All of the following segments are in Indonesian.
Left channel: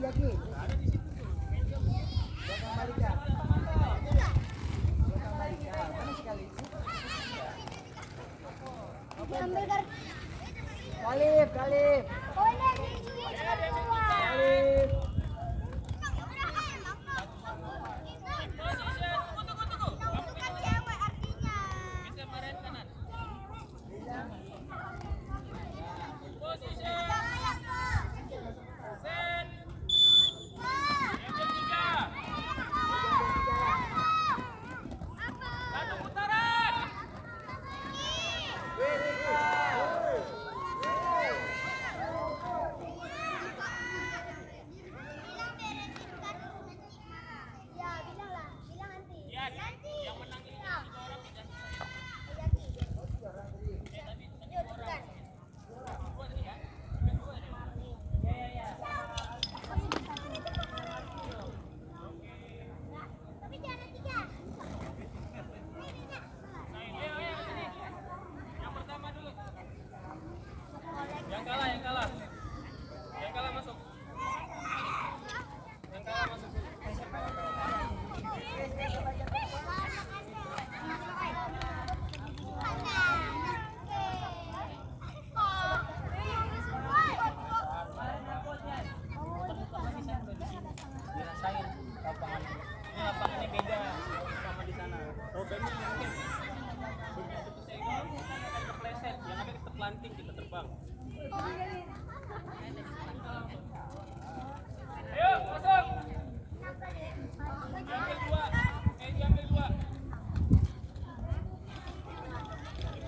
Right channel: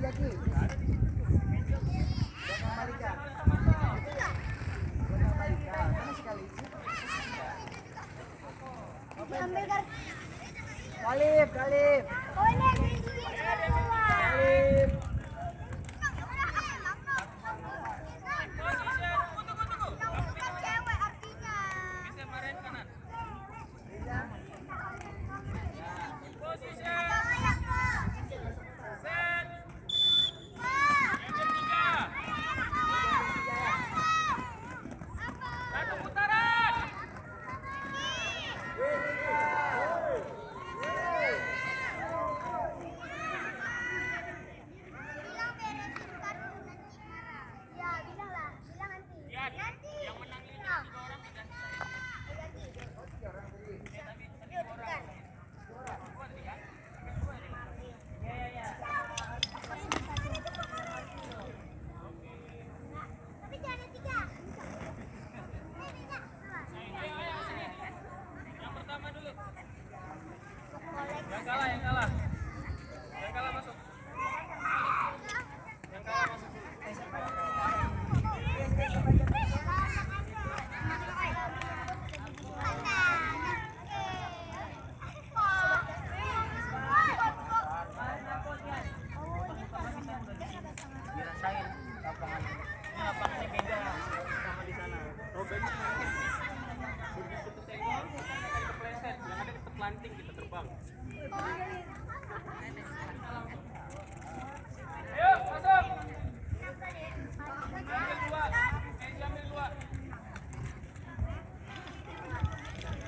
Jaki. Belakang Malika. Belakang Malika. Mana sekali sih? Diambil kartu. Kalif. Oh ini di sini. Kalif. Bukan cewek artinya. Bilang beresin kartu nanti marah. Ya bilang lah, bilang nanti. Nanti. Yang menang itu 3 orang diganti saya. Ganti. Yuk tekan. Tapi jangan 3. Yang kalah masuk. Yang kalah masuk. Dirasain lapangannya. Ini lapangannya beda sama di sana. Rodanya begitu kesenggol, kita kepleset, yang ada kita planting, kita terbang. Ayo, masuk. Diambil dua.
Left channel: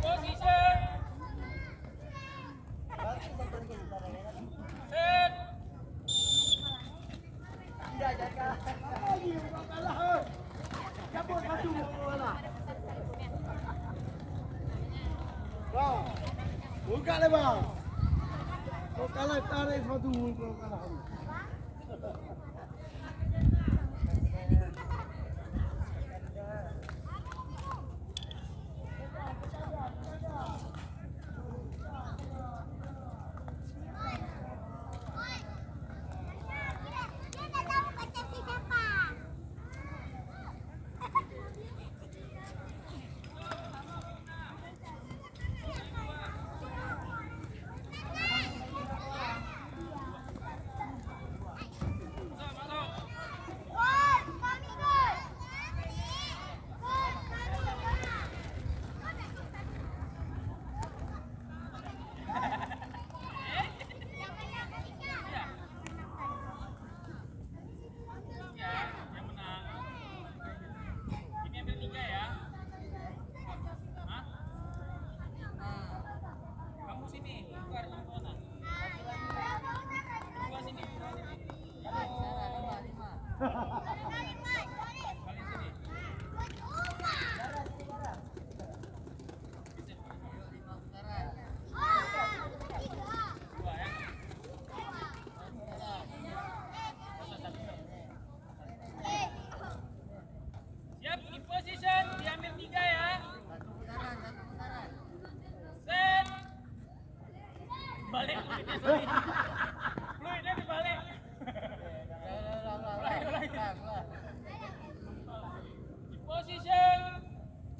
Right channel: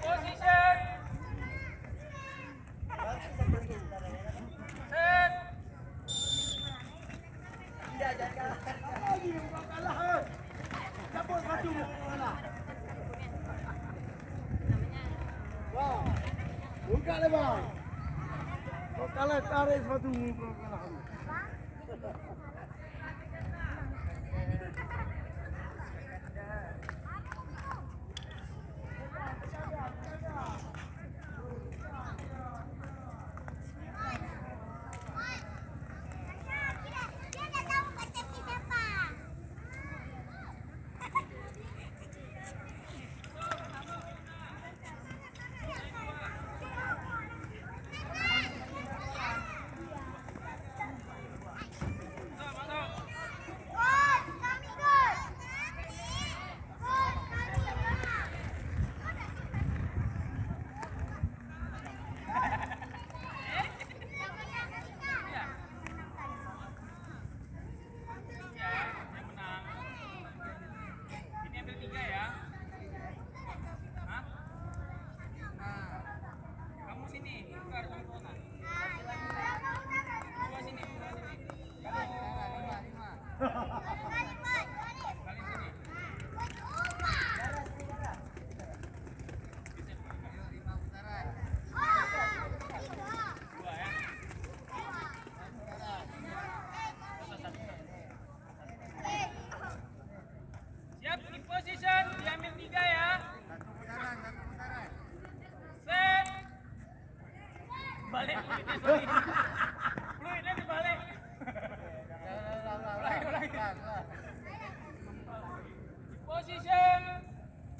Position. Set. Buka le bang. Kau kalah tarik sepatu kau kalah. Siap, in position, diambil 3 ya. Satu putaran. Set. Balik fluidnya, sorry. Fluidnya dibalik. Ulang. In position.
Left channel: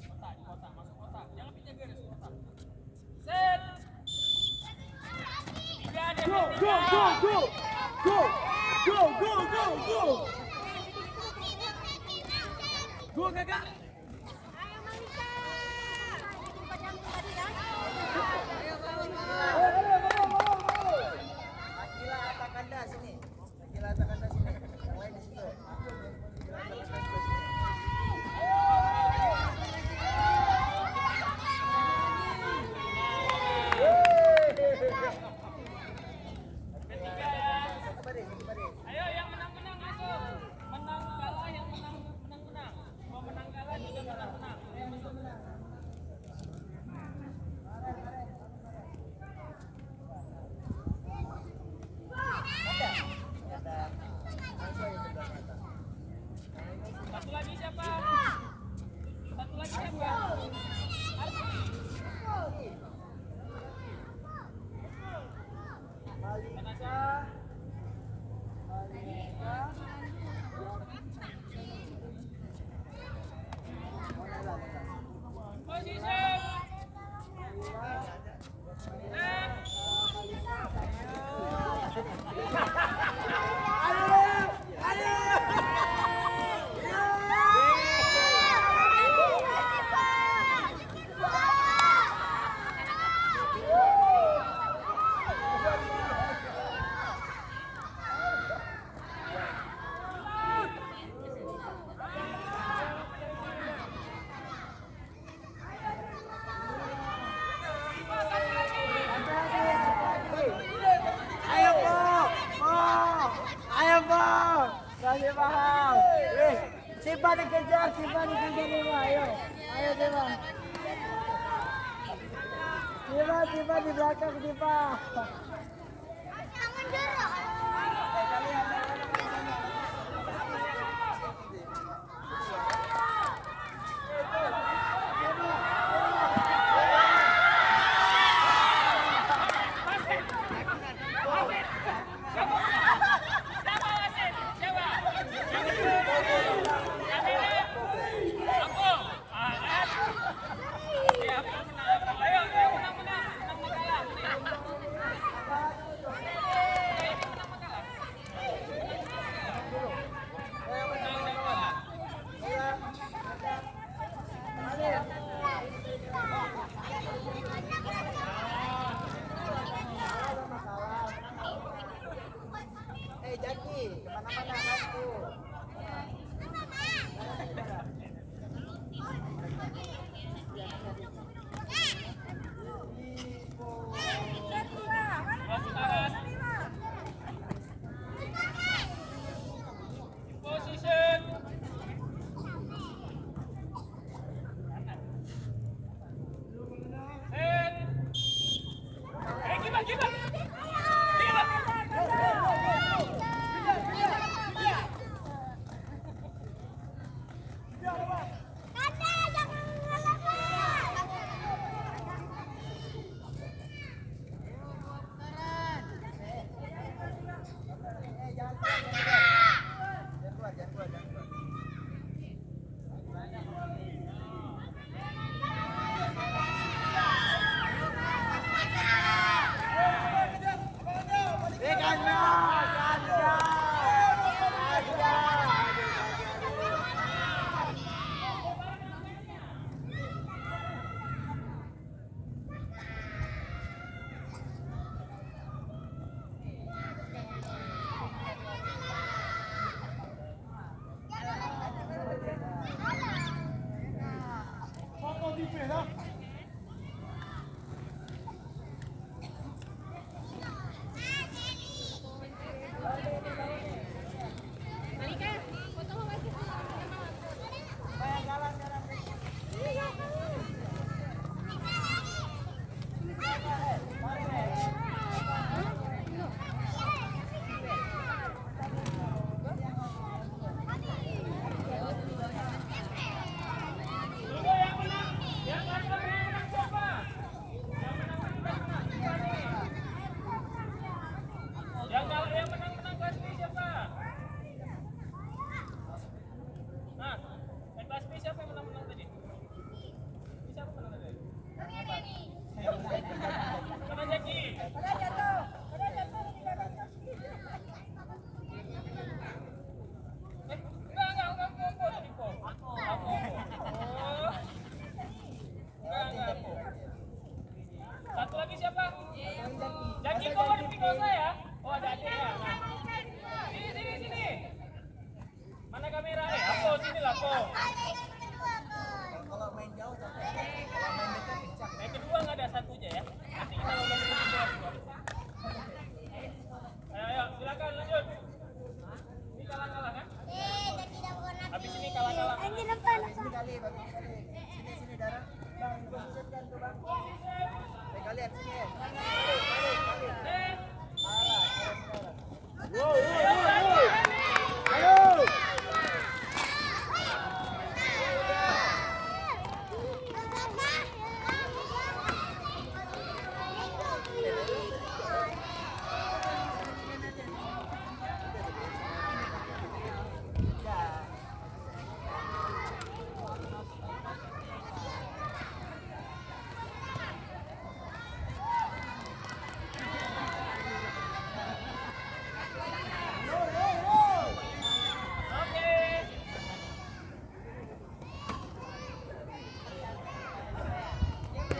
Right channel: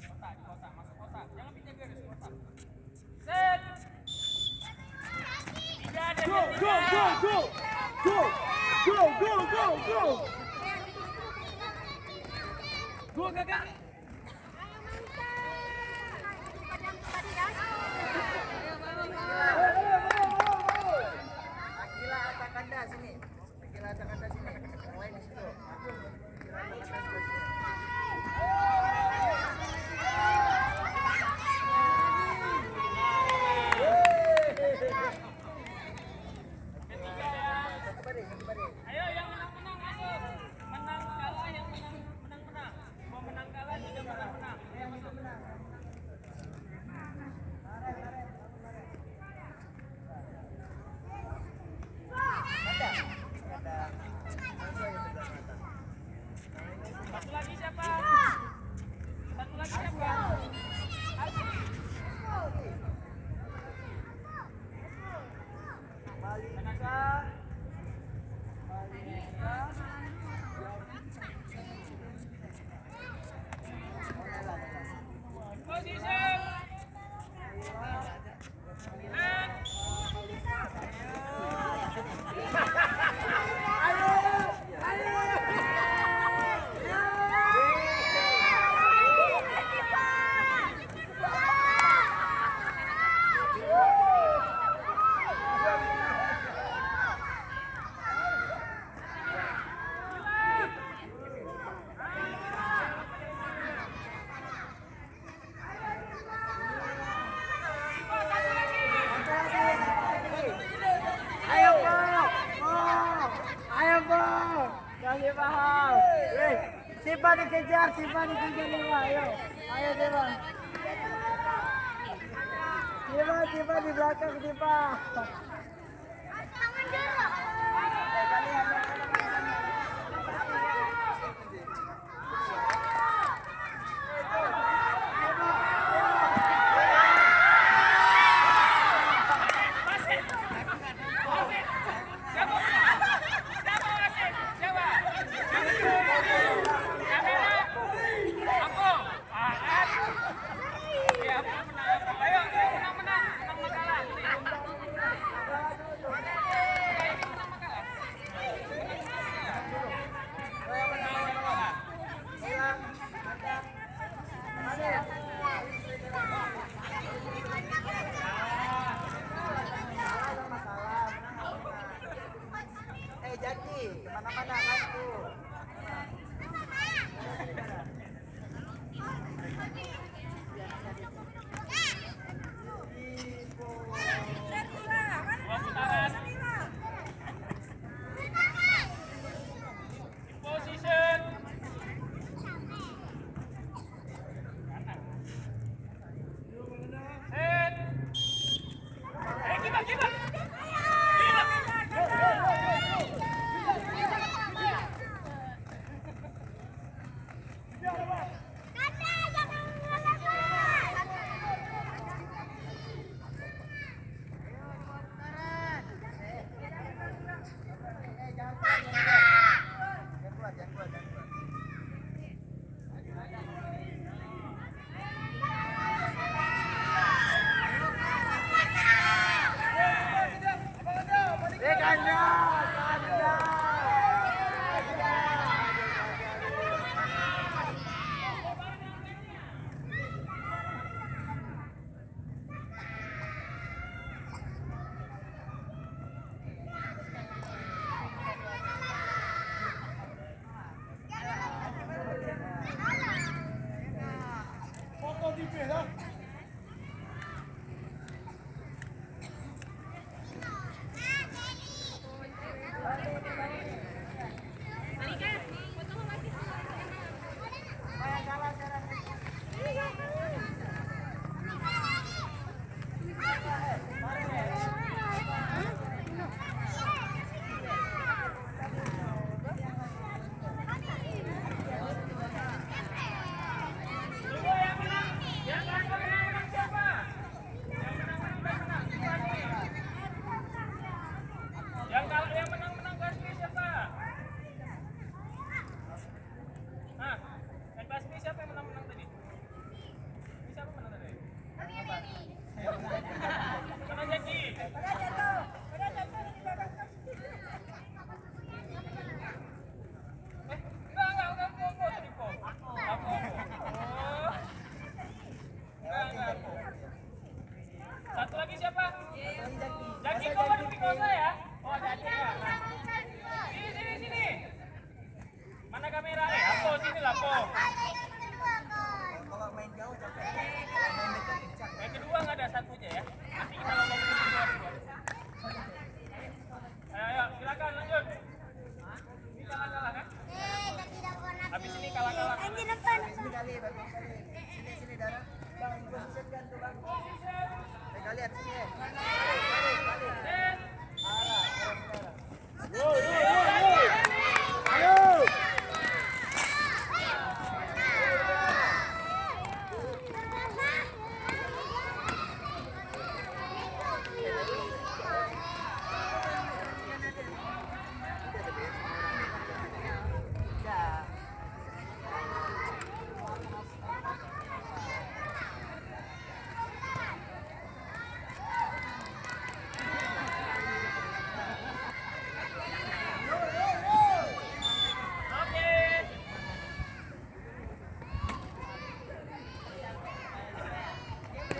Di kotak, masuk kotak. Jangan pindah garis kotak. Set. 3 ada. Go kakak. Ayo Malika. Akila atas kanda sini. Yang lain di situ. Akila atas kanda sini. Malika. Siapa dikejar Dewa, ayo Dewa. Dewa di belakang Dewa. Jangan dulu. Jaki, kemana-mana kan tuh. Position. Head. Kita. Yang menang pasti siapa? Nah, yang pasti siapa yang menang tadi? Siapa menang tadi? Mana Jaki? Pada jatuh di belakang. Enggak, Po. Aku. Aku. Satu lagi siapa? Jaki kok ada di bawah saya? Oh, ada adik ya. Nah. Sini. Mana kamera? Aku sini lah, Po. Kalau main jauh capek. Kalau main dekat kencang. Yang kedua nggak ada satu aja ya. Nanti kita lomba ke kedua. Ayo, silakan lanjut. Ini kalah kan? Habis ini kalah. Sini kali, Bang. Sini darah. Bang, posisikan tuh, Bang. Kita lihat sini ya. Kali. Arah.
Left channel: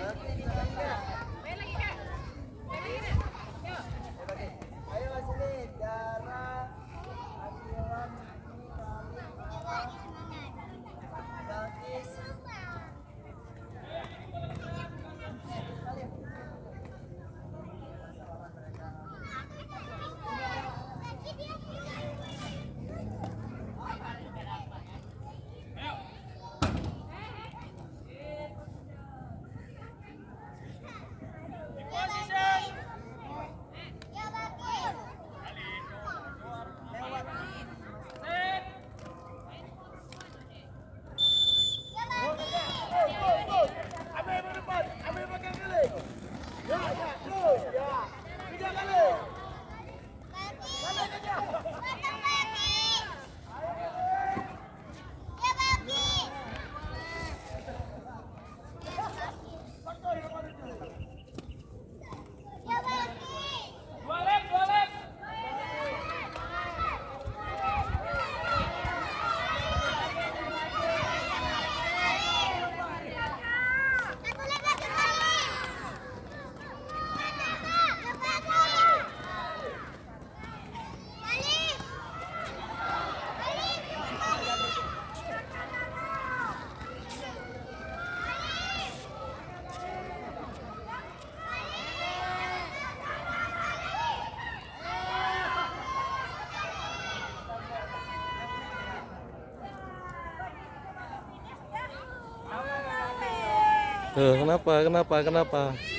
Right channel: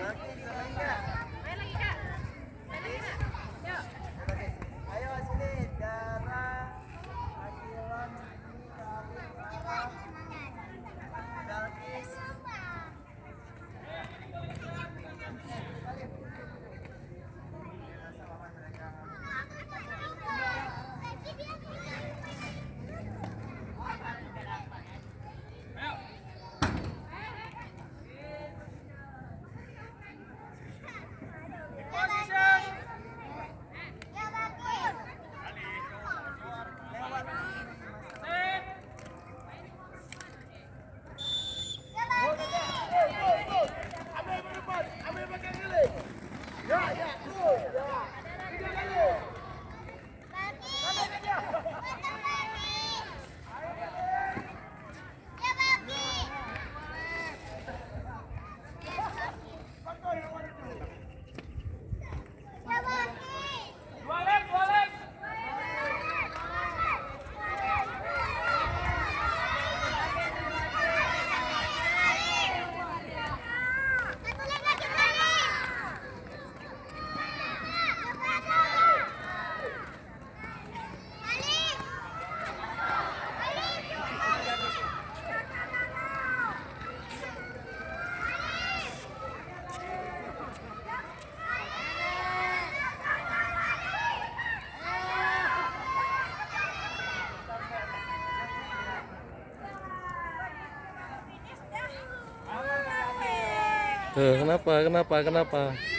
Oke, diulangi Kak. Oke. Ayo sini, Dara, Adilan, Salim, Ara, Balkis. Lewat. Ya, ya, terus, ya. 3 kali. Dua lap, dua lap. Kenapa?